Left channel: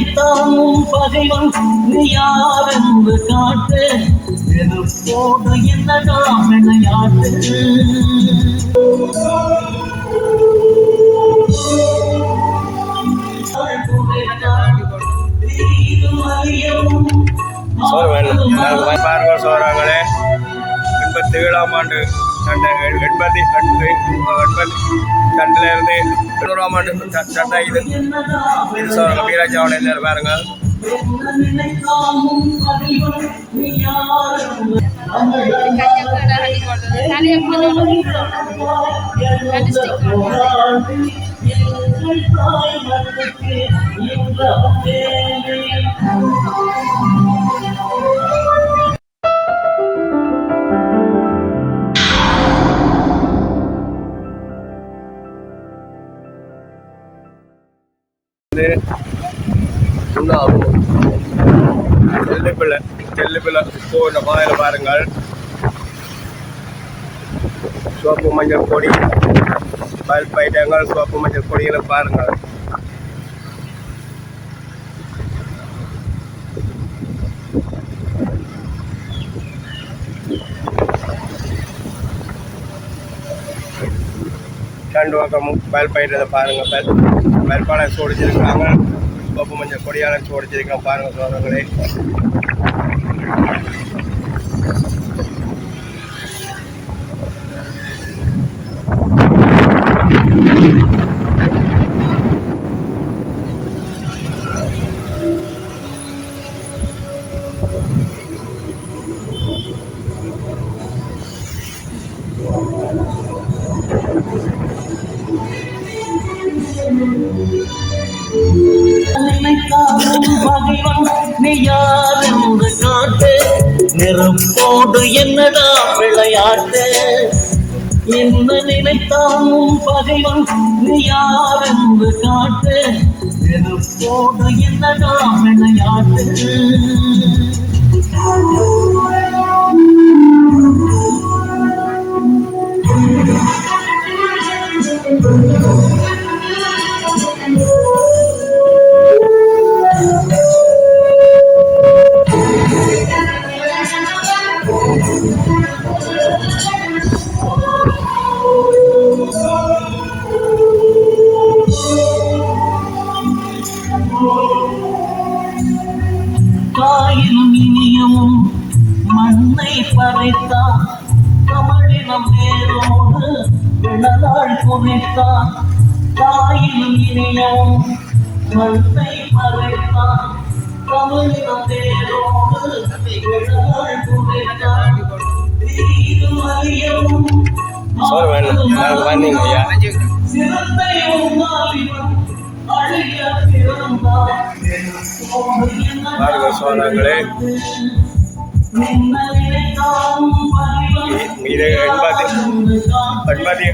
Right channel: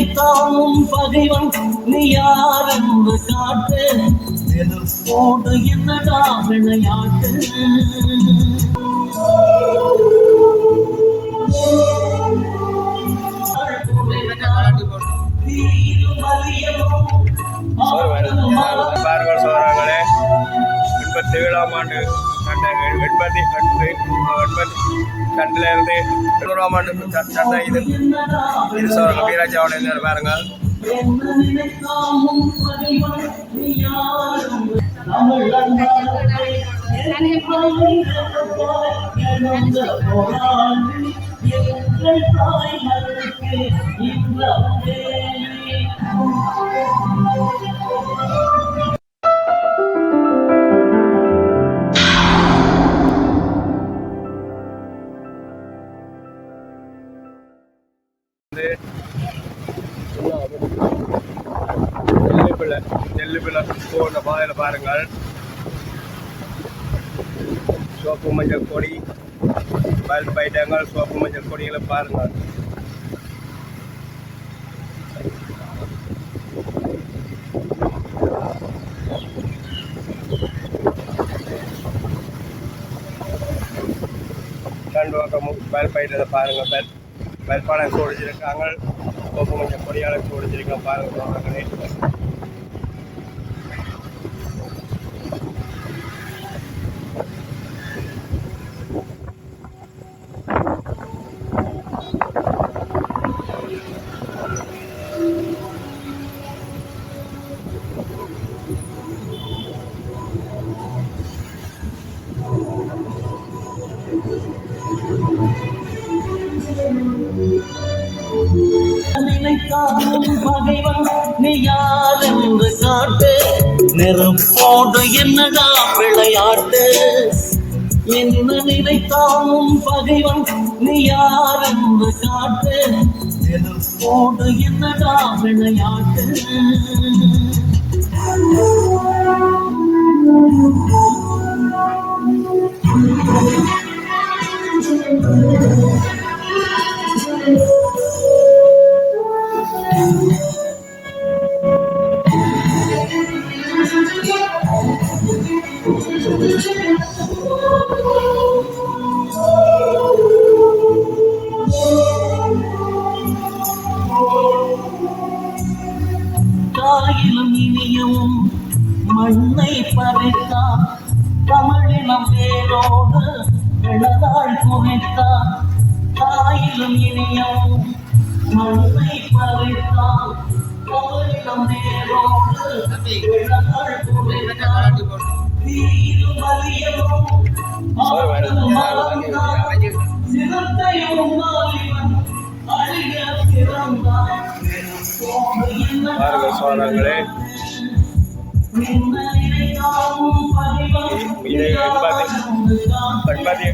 நினைத்தாலும் பகைவன் நீ யார் என்று காட்டு. நெருப்போடு என்னடா விளையாட்டு. பாருங்கள் சோறாங்களே எண்பத்தி ஏழாம் ஆண்டு சண்டை எண்பத்தி எண்பத்தி எண்பத்தி இருந்து தொண்ணூறாம் ஆண்டு இது இது வீராஜாவோட எல்லாரும் பாருங்க எங்கள் தாய் பிள்ளை செல்லுப்பிள்ளை இப்போ இந்த பாதையில் பாருங்கள். சோப்பு மஞ்சள் கொடி பல்ப் ஐட்டங்கள் சோப்பு மஞ்சள் கொடிகளை பாருங்கள். ரெண்டு பக்கமும் பல்ப் ஐட்டத்தை பாருங்கள். பல்ப் பல்பான சோடிச்சிருக்காங்க பக்கம் கொஞ்சம் கொடியால சோடிச்சிருக்கோம் பாருங்கள் சோழர்களே. என்னடா விளையாட்டு என்ன நினைத்தாலும் பகைவன் நீ யாரென்று காட்டு போட என்னடா விளையாட்டு மண்ணை பறித்தான் தமிழினம் வேரோடு வினதாள் குவித்தான் தீரும் ஐயா சிறுத்தை அழிய பிறந்தான் எண்பத்தி எண்பத்தி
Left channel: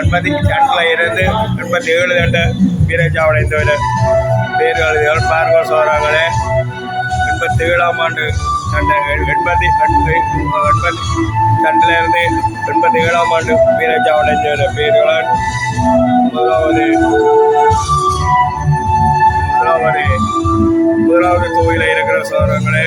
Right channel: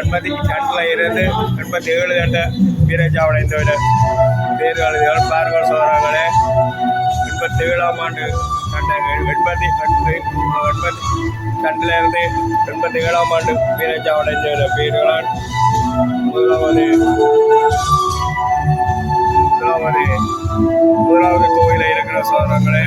எண்பத்தி ரெண்டில் இருந்து எண்பத்தி ஏழு கட்ட வீரஜாவடைந்தவர் தேர்தல் பாருங்கள் சோழர்களே எண்பத்தி ஏழாம் ஆண்டு சண்டை எண்பத்தி எண்பத்தி எண்பத்தி இருந்து எண்பத்தி ஏழாம் ஆண்டு வீரஜாவடைந்த பேர்களால் முதலாவது முதலாவது முதலாவது கோவிலில் இருக்கிற சோதரங்களே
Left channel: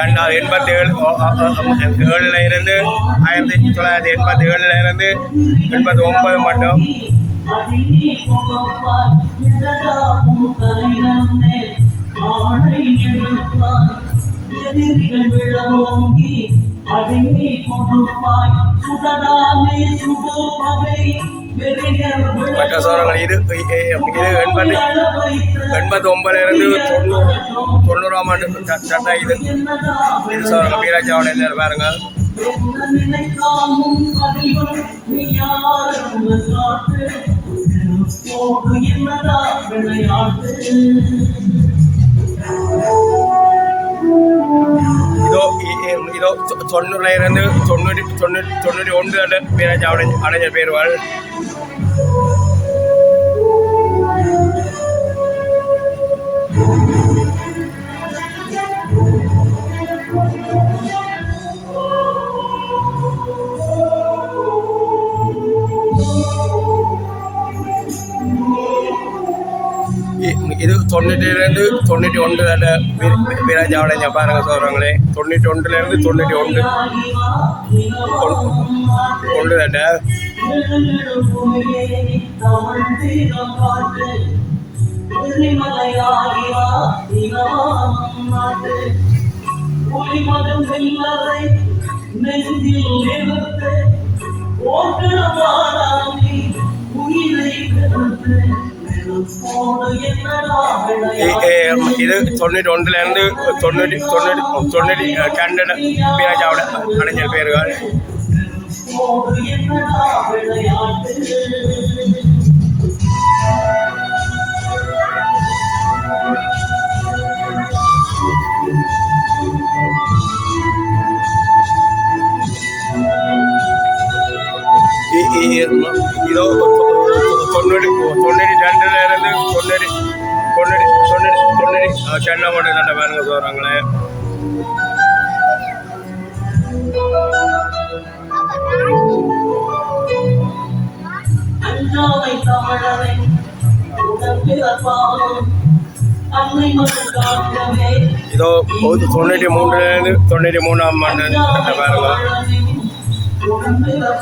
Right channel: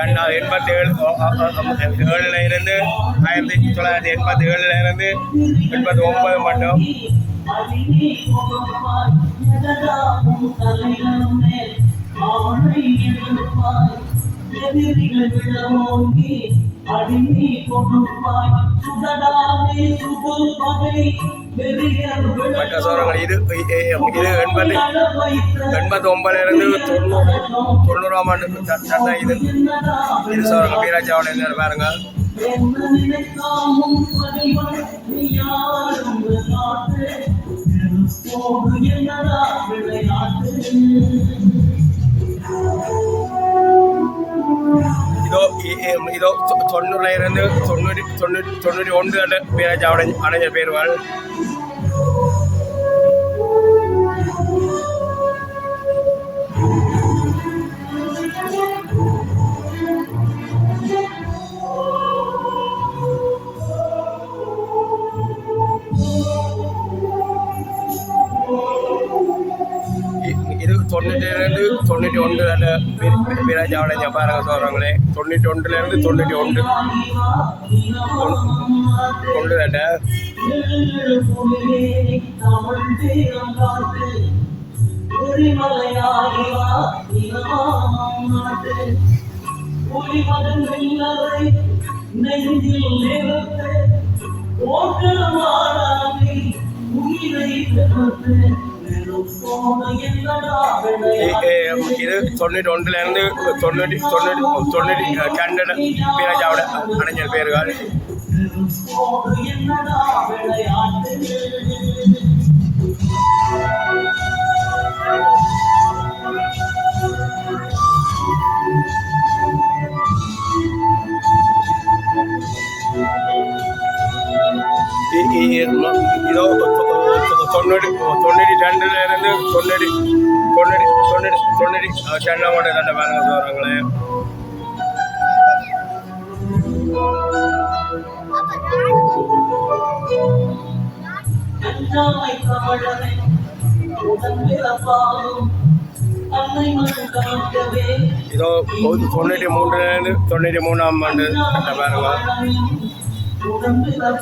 சண்டால் எண்பத்தி ஏழு ஏழுல இருந்து ஆயிரத்தி தொள்ளாயிரத்தி எண்பத்தி ஏழுல இருந்து எண்பத்தி ஒன்பது மட்டும் விழவோங்கி அடங்கி கொடுப்பாய் சுடடாமே சுடு பகை மற்ற சோழர்கள் இது எண்பத்தி எண்பத்தி ஒன்பதுல இருந்து தொண்ணூறு தொண்ணூறாம் ஆண்டு ச- சண்டை இது இது சோழர்கள் வீராஜாவுடைய பாருங்க என்ன நினைக்காமும் பகைவன் நீ யாரும் காட்டு போடு என்னடா விளையாட்டு இதோ இ- தொண்ணூற்றி ஒன்றில் கிட்டத்தட்ட வீராஜாவடைஞ்ச பாருங்க சொல்கிறாங்களே தொண்ணூற்றி ஒன்றுலேருந்து தொண்ணூற்றி ஒன்று. ஒன்று தட்ட நெஞ்சில் நிறுத்து ஓட்டு உயிரை கருத்து இது தொண்ணூற்றி ஒன்றுலேருந்து தொண்ணூற்றி தொண்ணூற்றி தொண்ணூற்றி கண்டன வீராஜாவோட அடைஞ்சல் பேர்கள்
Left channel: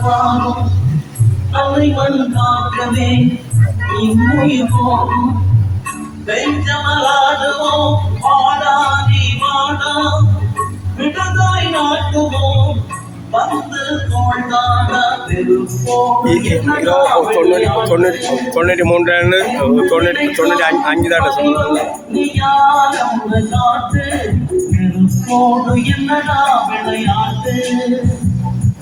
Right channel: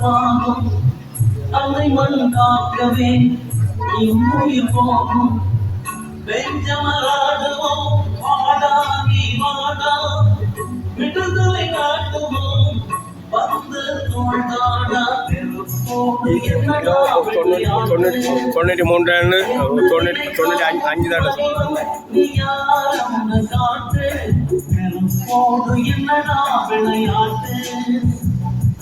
உடம்பிறப்பாகும் அன்னை காக்கவே இம்முயிர் போகும். வாடா நாட்டுவோம் வந்து தொண்ணூற்றி தொண்ணூற்றி தொண்ணூற்றி தொண்ணூற்றி அஞ்சு தானே என்னடா விளையாட்டு?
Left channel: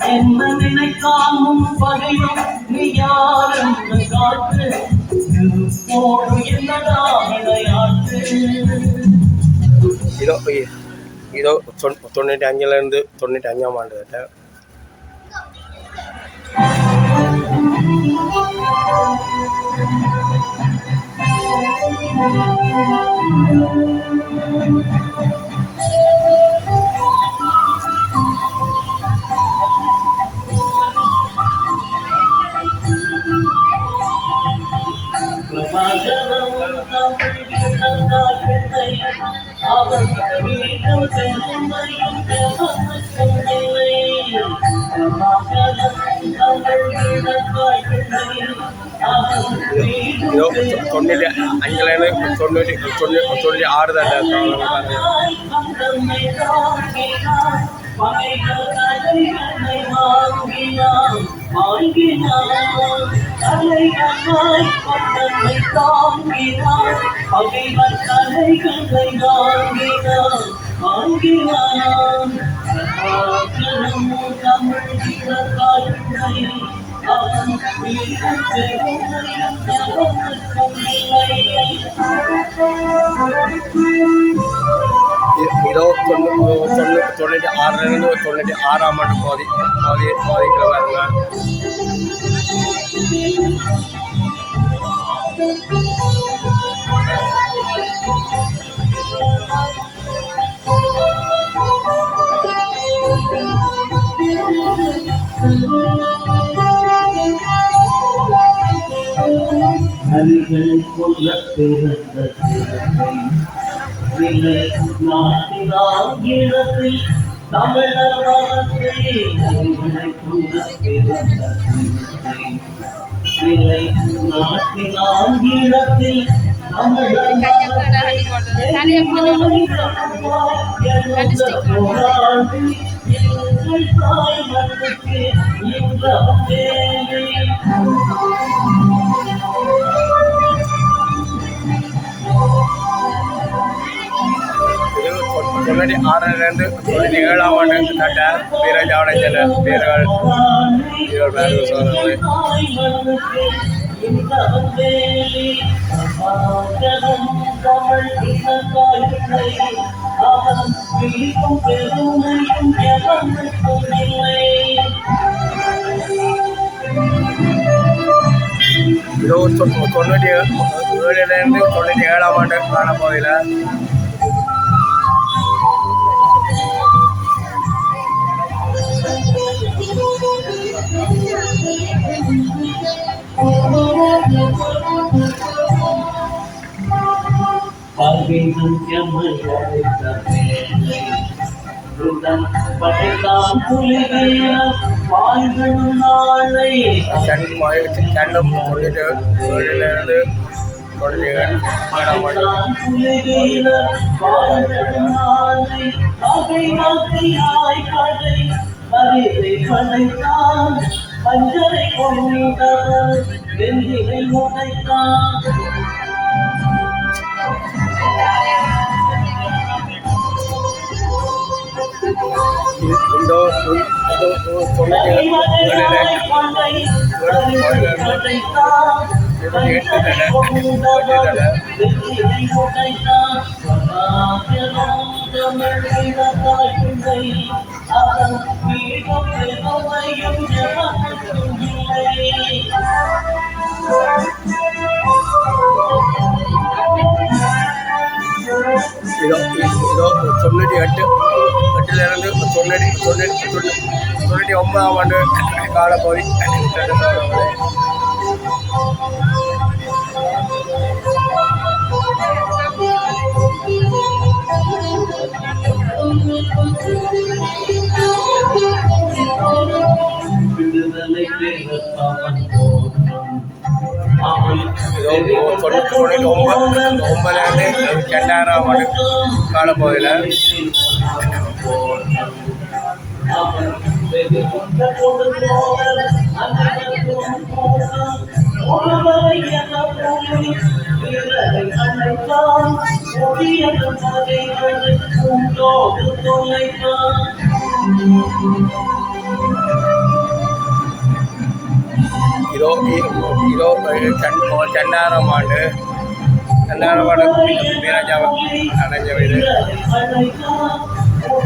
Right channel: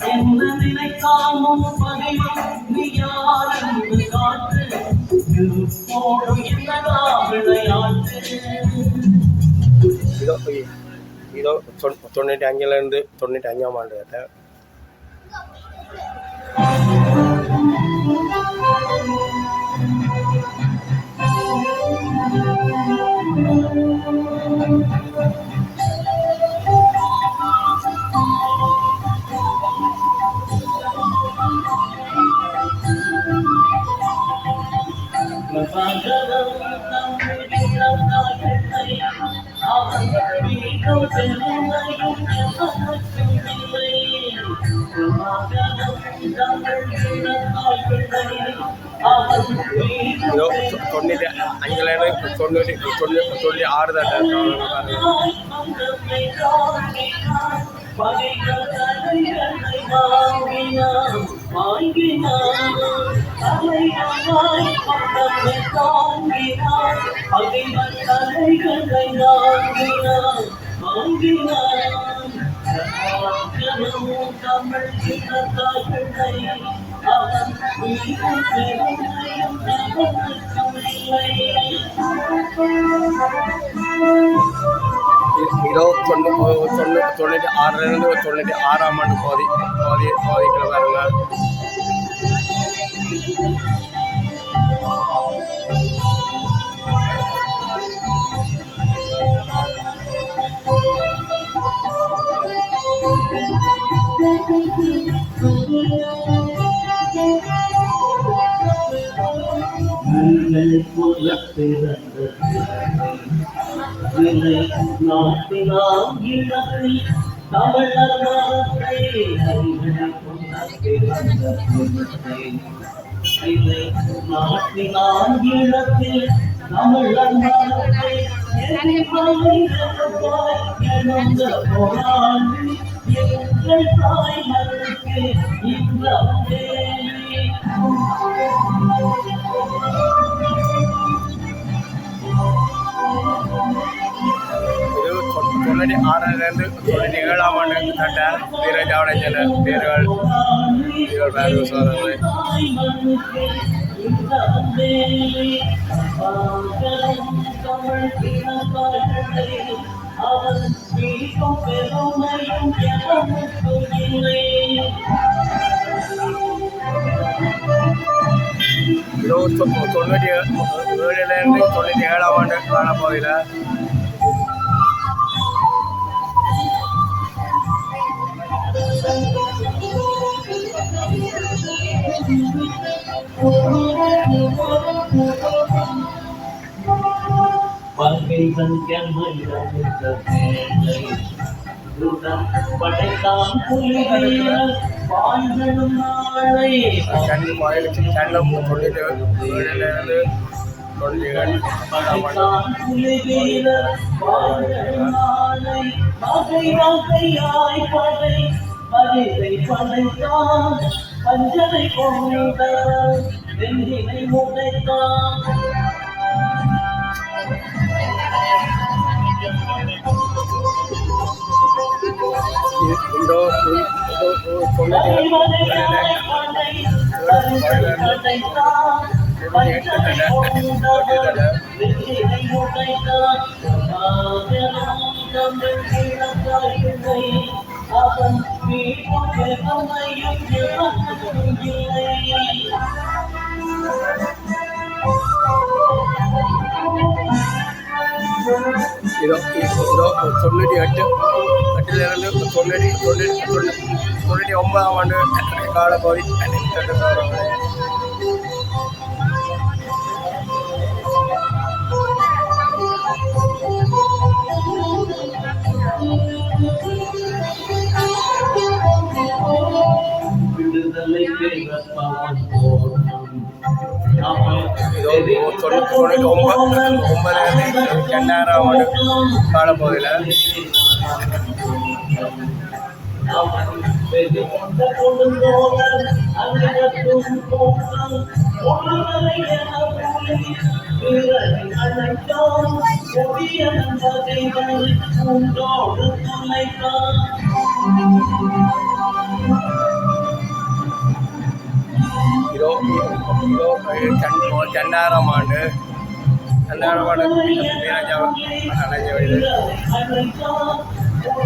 என்ன நினைக்காமும் பகையும் நீ யார் என்று காட்டு என்னடா விளையாட்டு இதோ இதோ தொண்ணூற்றி அஞ்சுலேருந்து தொண்ணூற்றி அஞ்சாம் ஆண்டு தொண்ணூற்றி அஞ்சுலேருந்து தொண்ணூற்றி தொண்ணூற்றி தொண்ணூற்றி ஆறு தொண்ணூ தொண்ணூ தொண்ணூற்றி ஆறுலேருந்து தொண்ணூற்றி ஆறாம் ஆண்டு போதி போதி போதிக்கிற பாருங்க தமிழர் மரத்தை போராடி எங்கள் தாய் மண்ணுக்கு இந்த தொண்ணூற்றி ஆறிலிருந்து தொண்ணூற்றி ஏழாம் ஆண்டு கட்ட வீரஜாவடை செல்ல பேர்கள் இவர் தொண்ணூற்றி ஏ- ஏழுலேருந்து தொண்ணூற்றி ஏழாம் ஆண்டு காணப்போதில் கண்ணம் தொழிலிருந்து தொழில்கள் காணாமல் நாளை வகை வகையாய் படை பரிதை படைத்தான் பஞ்சரை கொண்ட வெள்ளினை உடைத்தான். அஞ்சலை இதோ தொழில்கள் இதோ ஒன்பதாம் ஆண்டு போற்றும் அவள் இதோ தொண்ணூற்றி ரெண்டாயிரம் ஆண்டு காலப்பகுதியில். அவன் வெகு கொண்ட கொடுங்கோலர்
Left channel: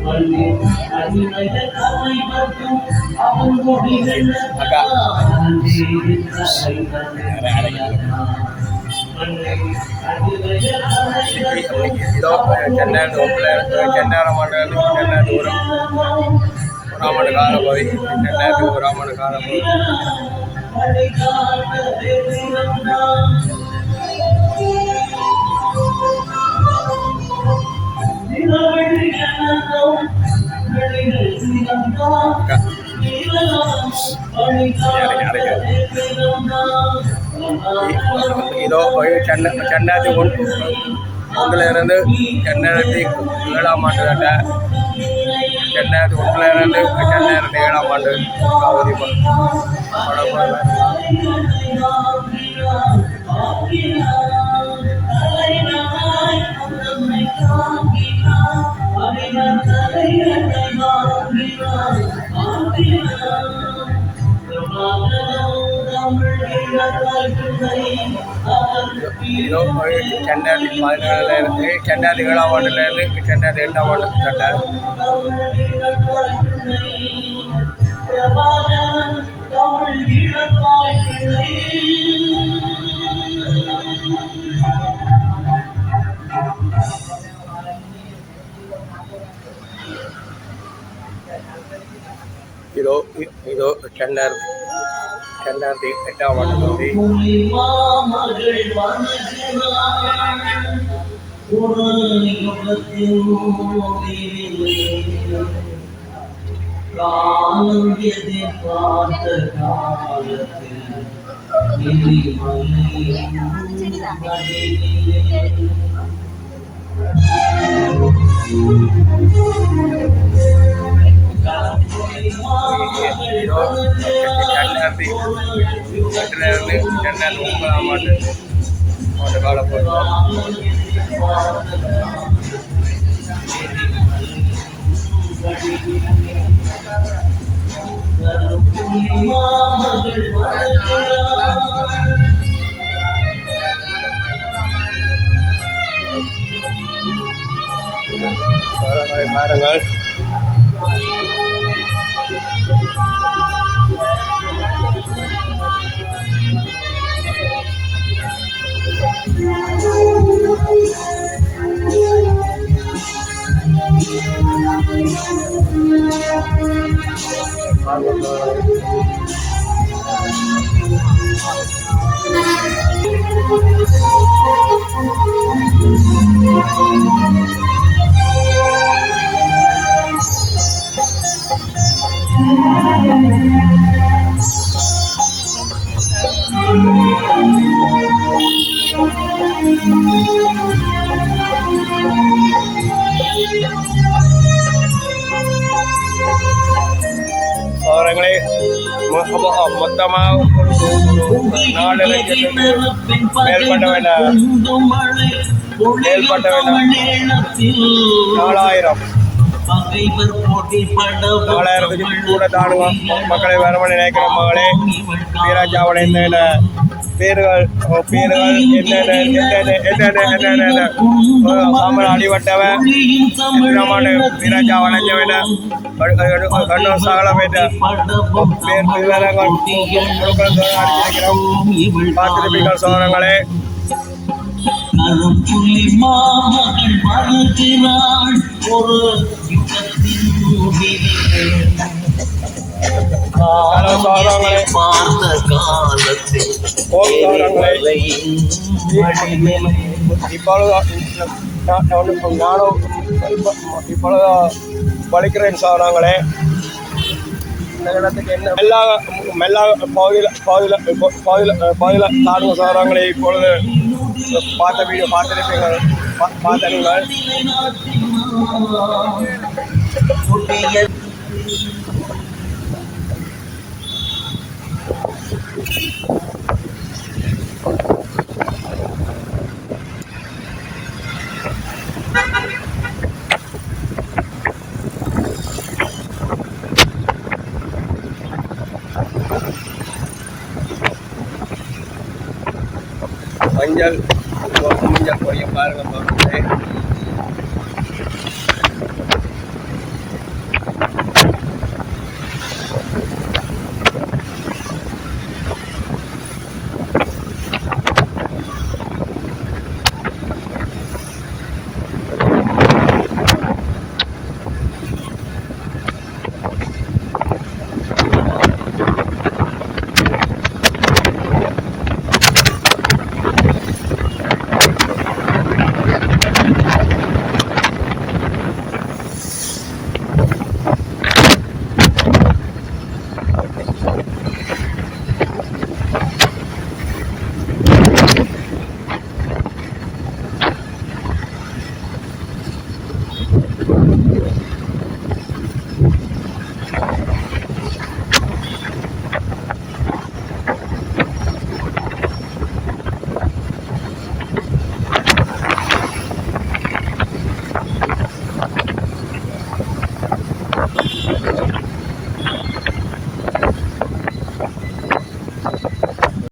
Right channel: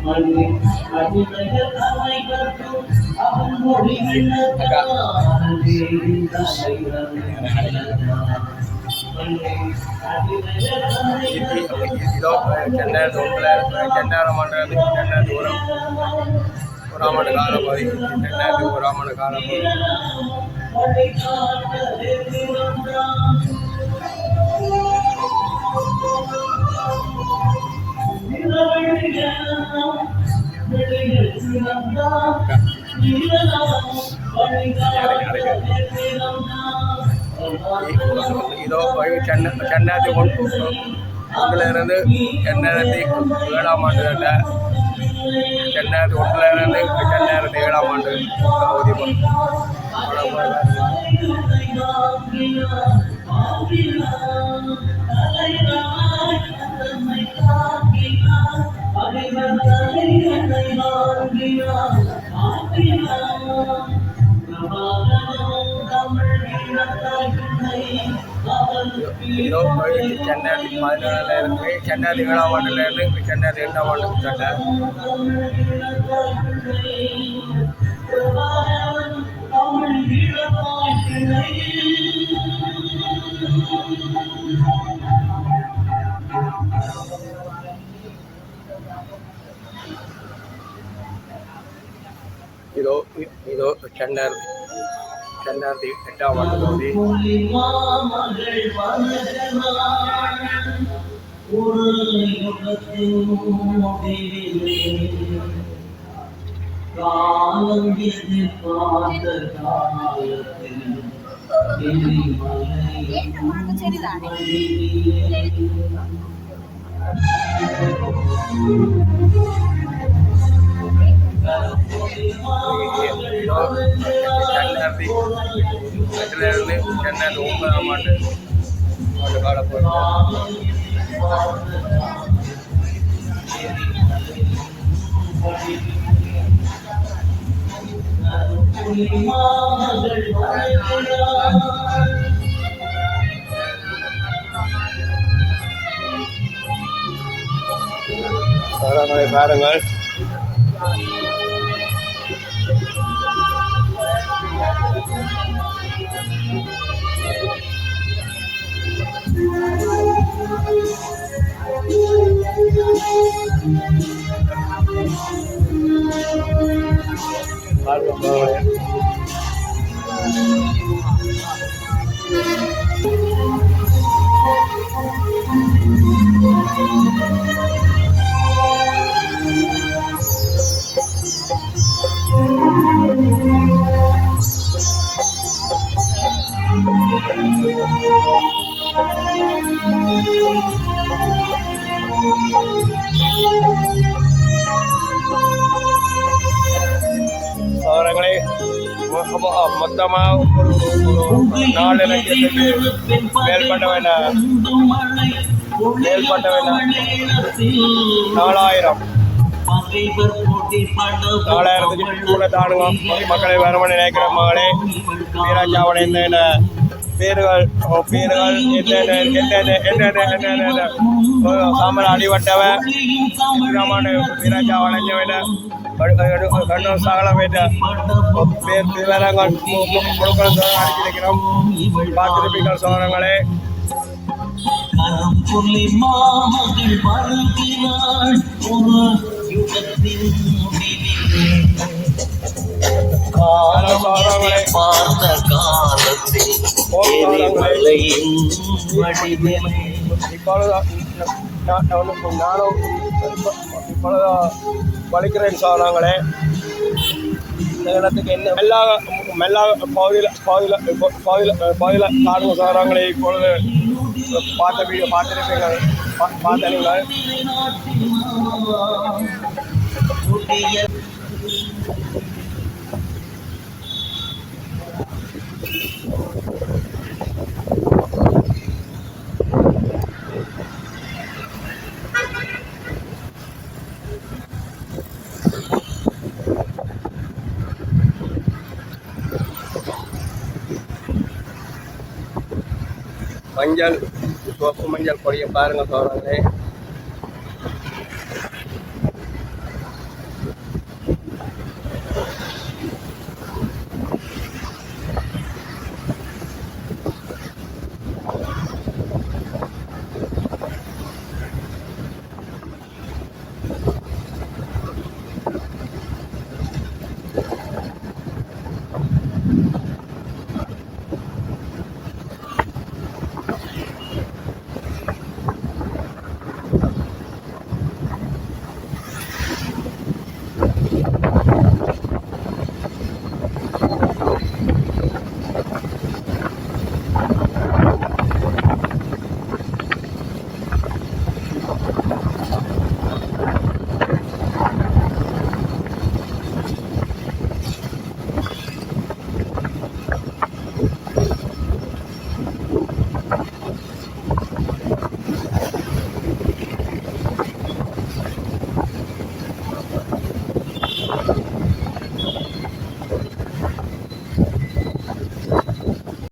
பாருங்க சத்தியமாகும் இதோ ரெண்டாயிரத்தி ஒன்றில் ரெண்டாயிரம் ஆண்டு இதோ சென்னை ரெண்டாயிரத்தி ஒன்று ஒன்றிலிருந்து ரெண்டாயிரத்தி ஏழாம் ஆண்டு கட்ட ரெண்டாயிரத்தி ஒன்றிலிருந்து ரெண்டாயிரத்தி ஏழாம் ஆண்டு காவதி இதோ ரெண்டாயிரத்தி பதினேழுல இருந்து ரெண்டாயிரத்தி ஏழாம் ஆண்டுல இருந்து ரெண்டாயிரத்தி எட்டாம் ஆண்டு கட்ட இதோ இதோ ரெண்டாயிரத்தி ரெண்டாயிரத்தி எட்டாம் ஆண்டு பகுதி மாமகள் Bye. நாலாயிரம். பகைவர் போட்டி தானுங்க மக்களை வரவன் நினைக்கிற மகளே என்னென்ன பேர்கள் பேர்கள் சாம்பல் அடிபட்டவன் வீராஜா வளைஞ்சவன கண்ணூர் சாகல போயிட்ட பேர் திருவேலங்கள் அடிச்சிருக்கிறோம் பார்த்துருப்பீங்கள் சோழர்களே கரும்புள்ளி மாமகள் வருகிறாள் ஒரு யுகத்தின் பார்த்த காலத்தில் எரிமலையின் வடிவிலே இப்பொழுது நான் நானும் இப்பொழுது படிக்கிறேன் சாராங்களே நகரத்துக்கு எல்லா எல்லா பகுதியில் பகுதியில் பகுதியில் பகுதியில் சாராங்களே இப்பொழுது பார்த்த வீடியோ நீங்கள் புதிய மஞ்சள் மஞ்சள் பொடியை பாருங்கள் தோறங்களே